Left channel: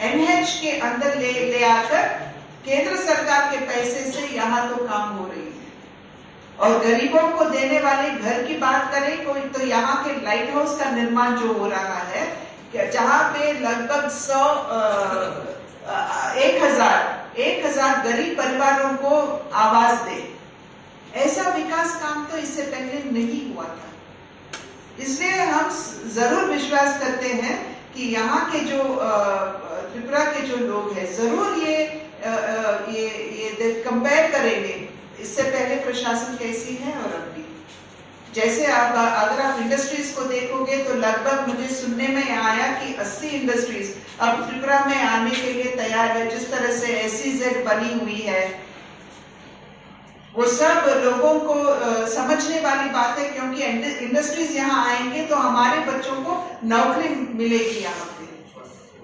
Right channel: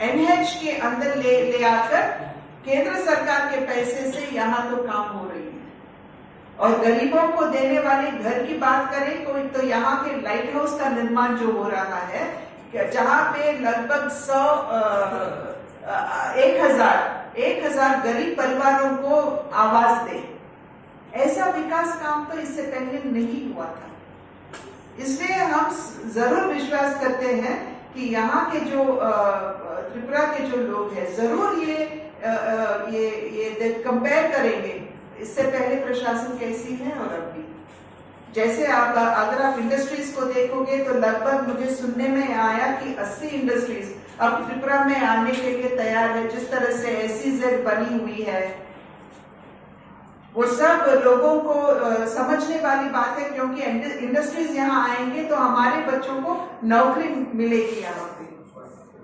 NH के अंदर ले आकर केंद्र सरकार के पैसे से यहाँ तो काम हो रही है। और गरीबों को देने वाले घर की बात करें कोई तो यहाँ के लाइट हाउस का निर्माण जो हो रहा है, जहाँ पे लगभग 1,000 गरीब परिवारों को आवास दे, ऐसा विकास काम तो इससे पहले नहीं हुआ था। इसलिए हम जरूर विश्वास करते हैं कि यहाँ के जो त्रिपुरा के जो लोग हैं जरूर ये कंपेयर करेंगे इससे पहले प्रशासन कैसी है और अभी। जैसे अगर आप इंडस्ट्रीज को देखोगे तो लगभग मुझे सुनने में आया कि 80 इंडस्ट्रीज अब त्रिपुरा में आने के लिए तैयार है। जिस तरह से SEZ बनी हुई है वो सब लोगों को समझने वाली बात है, क्योंकि इंडस्ट्रीज यहाँ आएंगे तो हमारे बच्चों को नौकरी मिलेगी यहाँ पे।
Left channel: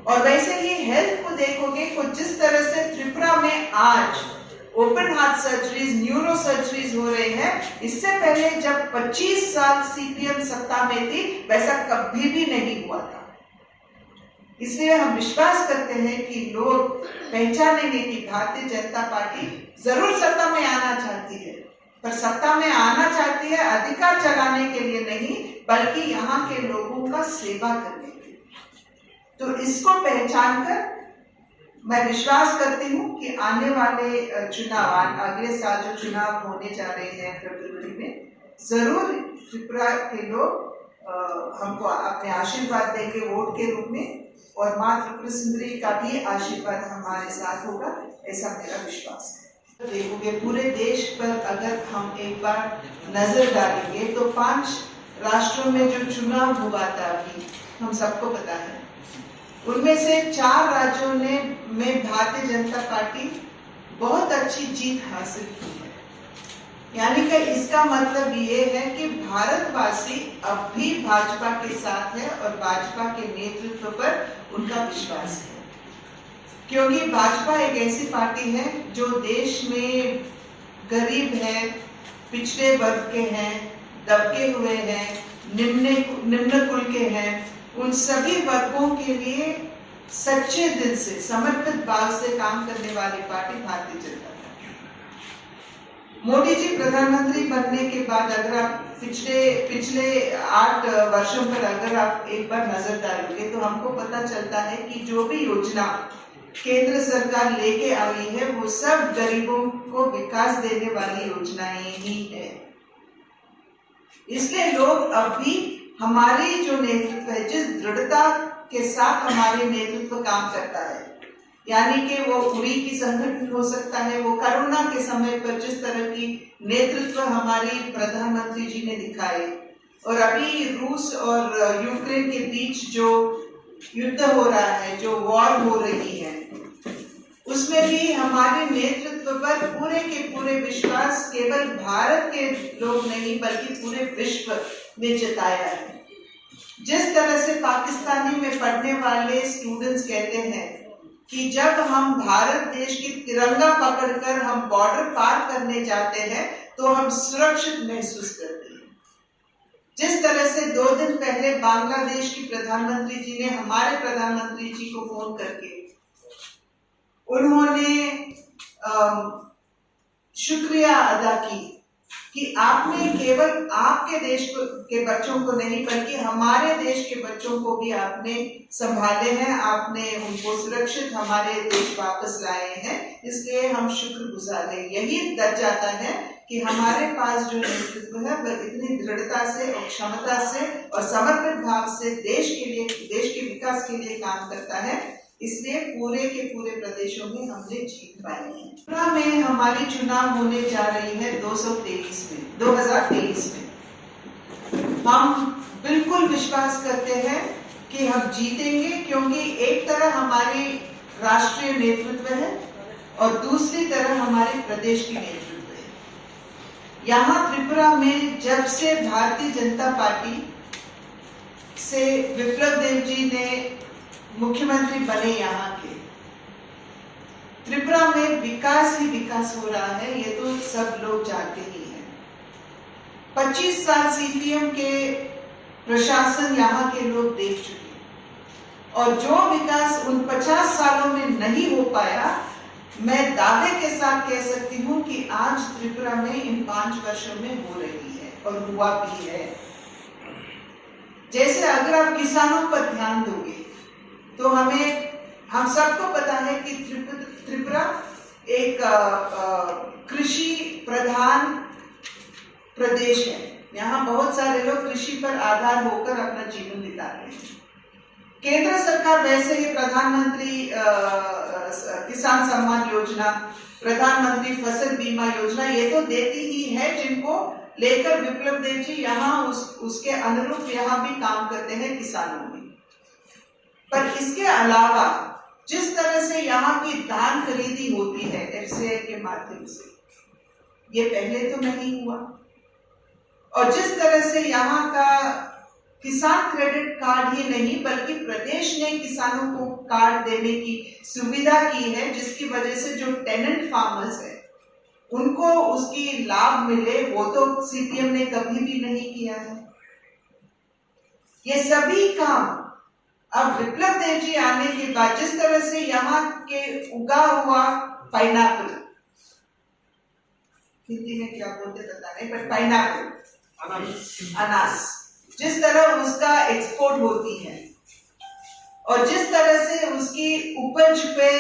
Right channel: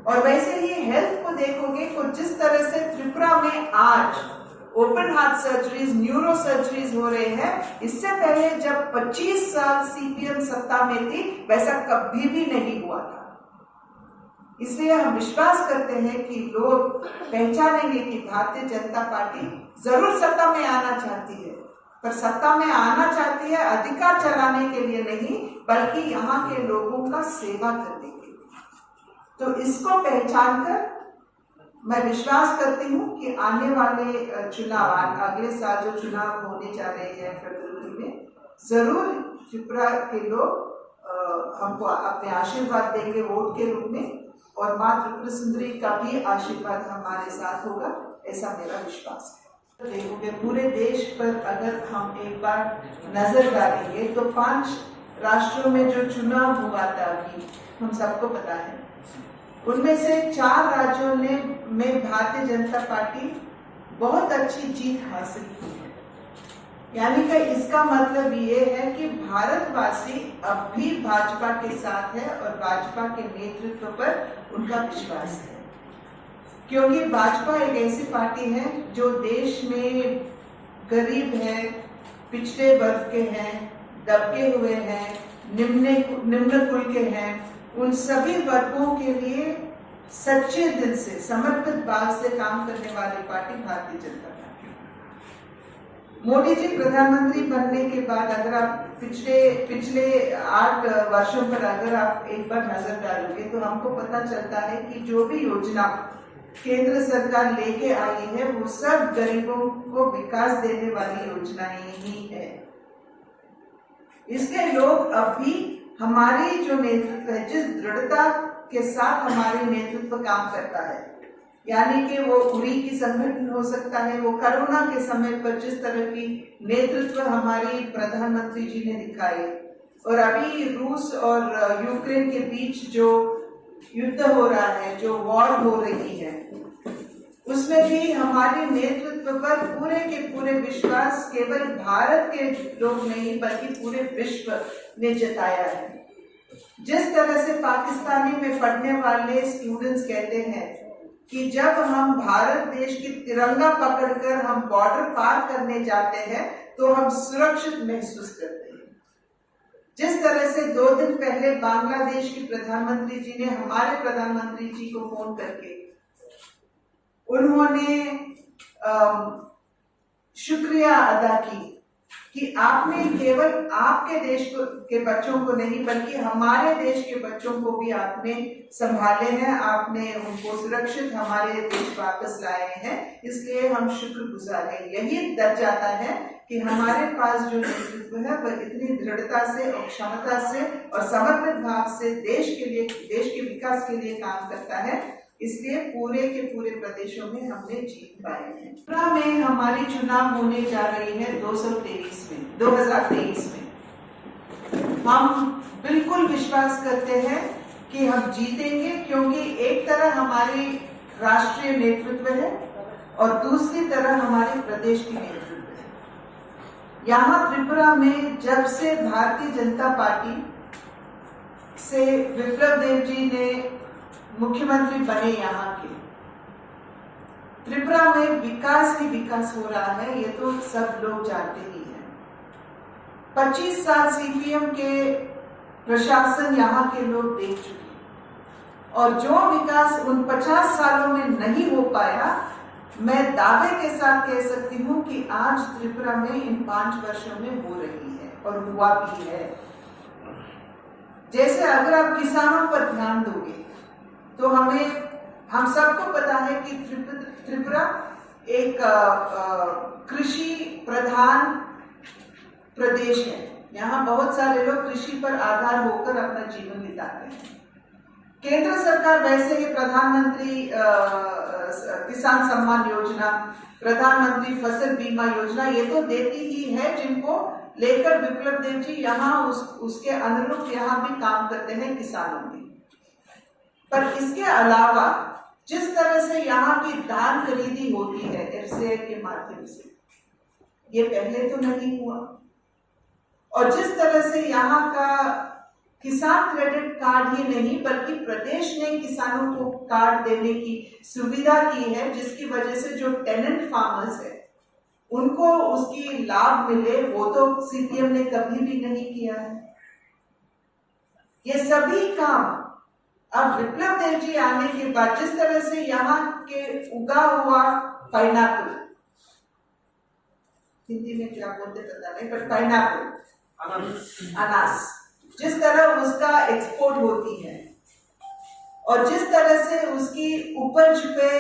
और वैसे ही हेल्थ को देखोगे तो जिस तरह से त्रिपुरा में आज open heart surgeries, neuro surgeries हो रहे हैं, इससे पहले जब 25 साल CPM सत्ता में थी वैसा कभी भी नहीं हुआ था। इसलिए हम विश्वास करते हैं कि लोग पहचानेंगे कि भारतीय जनता पार्टी जरूर सत्ता में आना चाहती है, पर सत्ता में आना चाहती है अधिकार चलाने के लिए नहीं, बल्कि यहाँ के लोगों का सेवा करने के लिए। तो इसको पहचान कर मैं विश्वास करती हूँ कि आने वाले चुनाव, अगले साल जो चुनाव होने जा रहे हैं फरवरी में, जरूर त्रिपुरा के लोग हमको अपने आशीर्वाद देंगे वोट के रूप में, और माँ त्रिपुरा सुंदरी का भी आशीर्वाद हमारे साथ होगा, ऐसा मेरा विश्वास है। देखोगे पूरे देश पर अगर हम एक बार नजर डालेंगे तो 5 राष्ट्रों में जो चुनाव हुआ था अभी हम सबको पता है, उनमें से 4 राज्यों में भारतीय जनता पार्टी बहुत अच्छी जीत हासिल की है। यानी कि इसका मतलब ये है कि भारतवासी अब भी भाजपा के साथ है और भाजपा के नेतृत्व पर उनका विश्वास है, क्योंकि भाजपा एक ऐसी पार्टी है जो देश में गरीब है, पिछड़े वर्ग के हैं, दबके हुए हैं, निम्न कुल के हैं, उन सभी वर्गों के लिए सच्चे दिल से, समर्पित भाव से काम करने वाली पार्टी भारतीय जनता पार्टी। मोदी जी प्रधानमंत्री बनने के बाद अगर आप पिछले 8 वर्षों पर अगर आप एक बार नजर डालोगे तो हमको पता चलता है कि जो भी योजना केंद्र सरकार लेके आई है वो सब गरीबों को विकास देने वाली योजनाएं ही है। इसलिए लोग अभी हमारी जो नेतृत्व है, जिस दृढ़ता के साथ हमारे नेतृत्व काम करता है, यानी कि वो उरी की संगठन हो सकता है, वो कोरोना के समय पर जिस तरह की नेतृत्व हमारी प्रधानमंत्री जी ने दिखाए, और अभी रूस और यूक्रेन के बीच जो युद्ध हो रहा है, जो वॉर हो रही है, उसमें भी हमारे नेतृत्व पर पूरे के पूरे विश्वास केवल भारत के लोग नहीं बल्कि पूरे विश्व ने जताया है। जिस तरह से पाकिस्तानी में पढ़ने वाले स्टूडेंट्स कहते हैं कि जब हम भारत देश की तिरंगा पकड़कर हम बॉर्डर पार करने जाते हैं तो हम सुरक्षित महसूस करते हैं। जिस तरह से 2 दिन पहले बांग्लादेश की प्रधानमंत्री जी ने हमारे प्रधानमंत्री जी को फोन करके उन्होंने शुक्रिया अदा की कि आपने केवल आपके देश के बच्चों को नहीं बल्कि हमारे देश के बच्चों को भी आपने संभाले हैं, आपने उनको सुरक्षित हमारे देश वापस लाए हैं, इसलिए हम शुक्रगुजार हैं। यही दर्ज जाता है कि हमारे पास जो नेतृत्व है वह इतनी दृढ़ता से और क्षमता से और समर्पित भाव से देश के विकास के लिए काम करता है। इसलिए पूरे के पूरे प्रदेशों में हमने जीत पाई है। त्रिपुरा में हमारी चुनाव होने जा रही है 2023 में। हम बिल्कुल विश्वास करते हैं कि हम जीतेंगे, क्योंकि एक तरह हमारी राष्ट्रीय नेतृत्व है और दूसरी तरह हमारे प्रदेश की नेतृत्व है। यहाँ त्रिपुरा में जब से भारतीय जनता पार्टी से विप्लव देव जी ने मुख्यमंत्री बने, यहाँ के त्रिपुरा में विकास ही विकास हो रहा है, ये तो सब लोग जानते ही हैं। 25 साल CPM के प्रशासन यहाँ के लोग देख चुके हैं। और जो विकास उन 50 सालों में नहीं हो पाया, मैं दावे के साथ कह सकती हूँ कि आज त्रिपुरा में इन 5 वर्षों में हो रही है और हुआ भी है। जैसे अगर आप किसानों पर ध्यान दोगे तो हम सबको पता है कि त्रिपुरा एक कृषि प्रधान प्रदेश है। यहाँ बहुत सारे लोग कृषि पर आधार होकर अपना जीवन बिता रहे हैं। केंद्र सरकार वैसे ही प्रधानमंत्री किसान सम्मान योजना, प्रधानमंत्री फसल बीमा योजना ये तो देती ही है, जिनको लेकर विप्लव देव जी यहाँ उसके अनुरूप यहाँ भी काम करते हैं किसानों में। पर इसके अलावा जिस तरह से यहाँ की धान खरीदी होती है एफसीआई के माध्यम से, ये पहले तो नहीं हुआ। और जिस तरह से यहाँ का किसान क्रेडिट कार्ड ही नहीं बल्कि प्रदेश ने किसानों को कार्ड देने की सुविधा की है, जिसकी वजह से जो टेनेंट फार्मर्स है उनको उसकी लाभ मिले, वो तो सीपीएम ने कभी भी नहीं किया है। ये सभी काम अब विप्लव देव जी आने के बाद जिस तरह से यहाँ के उगा हुआ पाइनएप्पल, हिंदी में क्या बोलते पता नहीं, पर पाइनएप्पल अनानास, जिस तरह उसका एक्सपोर्ट होती है और जिस तरह से उसकी उपज पे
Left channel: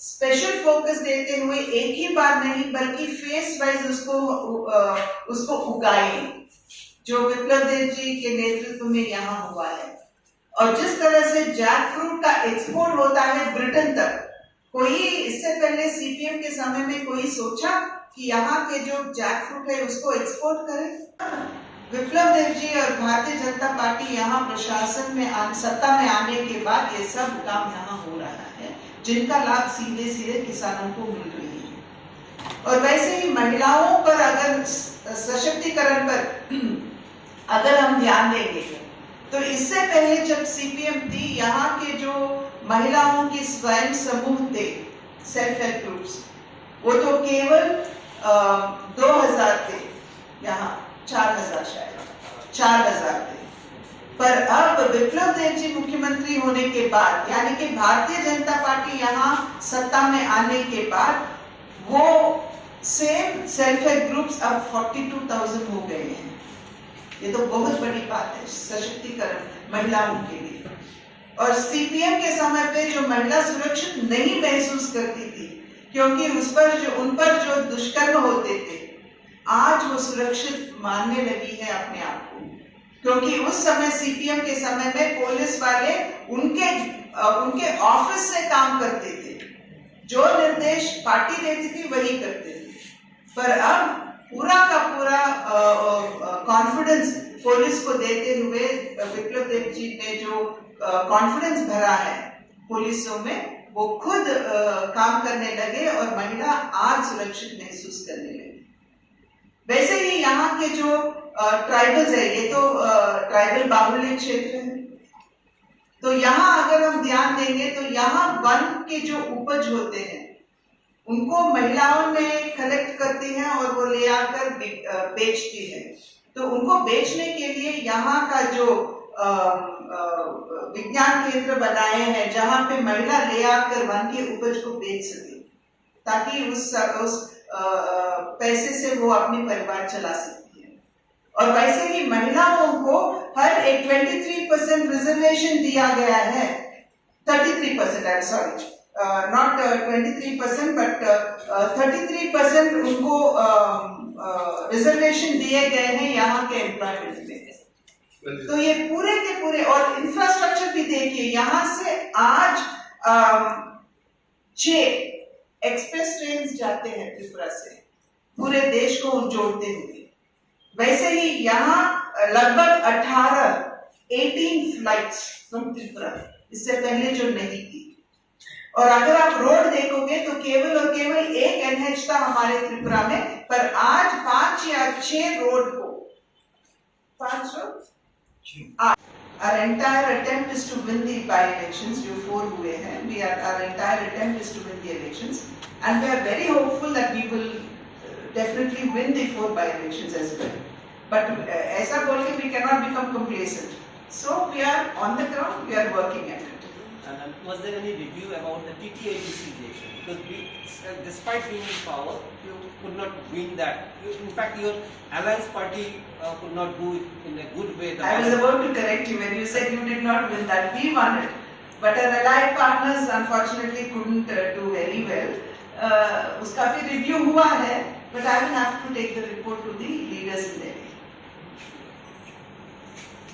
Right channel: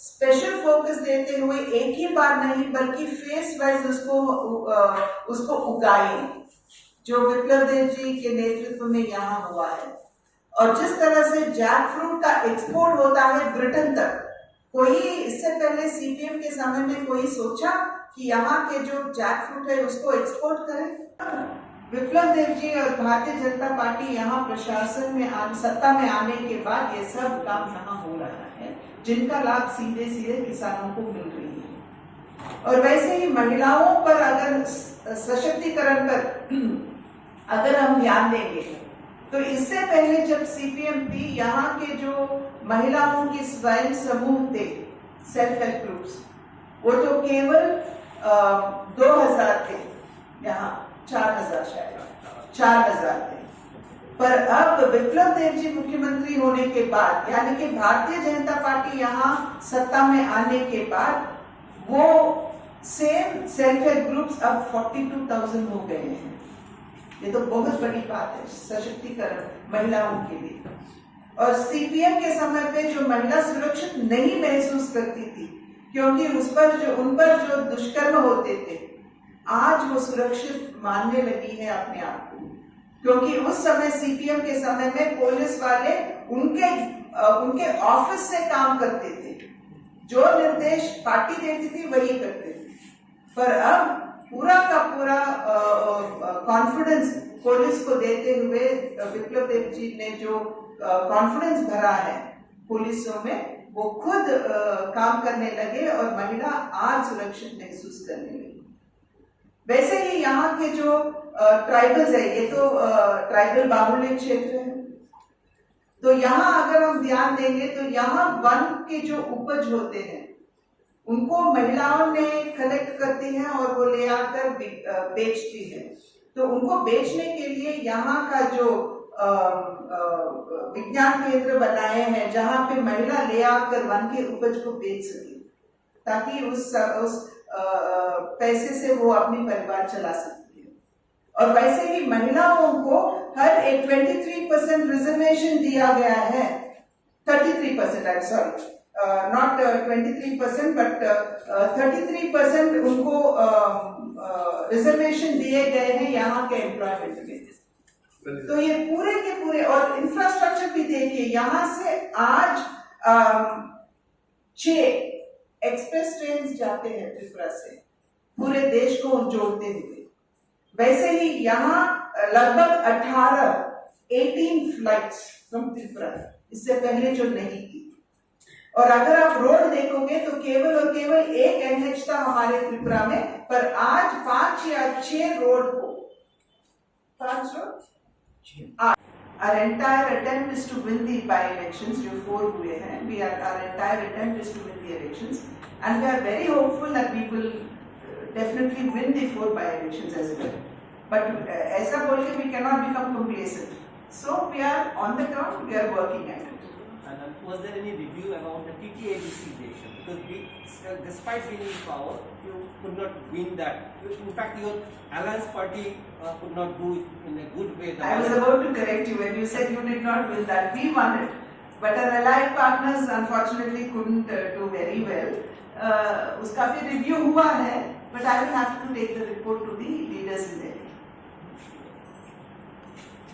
स्पेशल फोकस देते हुए एक ही बार नहीं बल्कि फेस वाइज उसको उगाए, जो विप्लव देव जी के नेतृत्व में यहाँ हुआ है। और जिस तरह से जैक फ्रूट का एक्सपोर्ट होता है ब्रिटेन तक, कोई इससे पहले सीपीएम के समय में कोई सोचा कि यहाँ के जो जैक फ्रूट है उसको एक्सपोर्ट करें? विप्लव देव जी और भारतीय जनता पार्टी यहाँ प्रशासन में सत्ता में आने के बाद ये सब काम यहाँ हो रहा है, जिनका लाभ सीधे सीधे किसानों को मिल रही है। और वैसे ही महिलाओं पर अगर सशक्तिकरण पर अगर हम ध्यान देंगे तो इससे पहले जब सीपीएम थी, यहाँ के जो महिलाओं की स्वयं समूह थे, सेल्फ हेल्प ग्रुप्स, वो तो केवल 2000 थे, यहाँ 4000 शायद 4000 थे। पर अब विप्लव देव जी मुख्यमंत्री होने के बाद, यानी कि भारतीय जनता पार्टी यहाँ सत्ता में आने के बाद, वो सेम सेल्फ हेल्प ग्रुप्स अब 42,000 हो गए हैं। ये तो बहुत बड़ी बात है सशक्तिकरण महिलाओं के लिए। और सीपीएम के समय पे जो महिला सुरक्षित नहीं महसूस करती थी क्योंकि उन पर जो दुष्कर्म होते थे, आज वो सुरक्षित मानने लगी है अपने आप को, क्योंकि उस समय सीपीएम के समय में पुलिस वाले उनके ऑफिस से काम करते थे, जो निर्देश पार्टी देती थी वही करते थे। पर अब पूरा का पूरा कॉन्फिडेंस पुलिस को देते हुए विप्लव देव जी ने जो कॉन्फिडेंस भरा है पुलिसों में, वो खुद काम करने लगे और महिला आज सुरक्षित महसूस करने लगी। वैसे ही यहाँ के जो ट्राइबल्स है, ये तो ट्राइबल बाहुल्य क्षेत्र है, तो यहाँ अगर हम ध्यान देंगे तो यहाँ वन के जो उपज होते हैं उनको महिलाओं में कलेक्ट करती हैं और वो ले आकर बेचती है। तो उनको बेचने के लिए यहाँ का जो विज्ञान केंद्र बनाए हैं, जहाँ पे महिला ले आकर वन के उपज को बेच सके, ताकि उस पैसे से वो अपनी परिवार चला सकती है। और वैसे ही महिलाओं को हर एक 23% रिजर्वेशन दिया गया है, 33%, I am sorry, not 23% but 33% उनको रिजर्वेशन दिए गए हैं यहाँ के एम्प्लॉयमेंट में। तो ये पूरे के पूरे, और इंफ्रास्ट्रक्चर भी देखिए, यहाँ से आज 6 एक्सप्रेस ट्रेन जाते हैं त्रिपुरा से पूरे देश को जोड़ते हुए। वैसे ही यहाँ लगभग 18 फ्लाइट्स फ्रॉम त्रिपुरा, इससे पहले जो नहीं थी। और अगर आप रोड देखोगे तो केवल और केवल एक एनएच था हमारे त्रिपुरा में, पर आज 5 या 6 रोड को, 5 road, our entire attempt is to win the by-elections, जो 4 हुए हैं, our entire attempt is to win the elections, and we are very hopeful that we will definitely win the 4 by-elections as well. But ऐसा बोल के we cannot become complacent. So we are on the ground, we are working at it. madam, was there any review about the TTABC election? Because we, despite being in power, you could not win that. In fact, your alliance party could not do it in a good way. I was about to correct you when you said you did not win that. We won it. But our allied partners unfortunately couldn't do very well. उसका भी review हुआ है, but I will have to take the report to the leaders in there.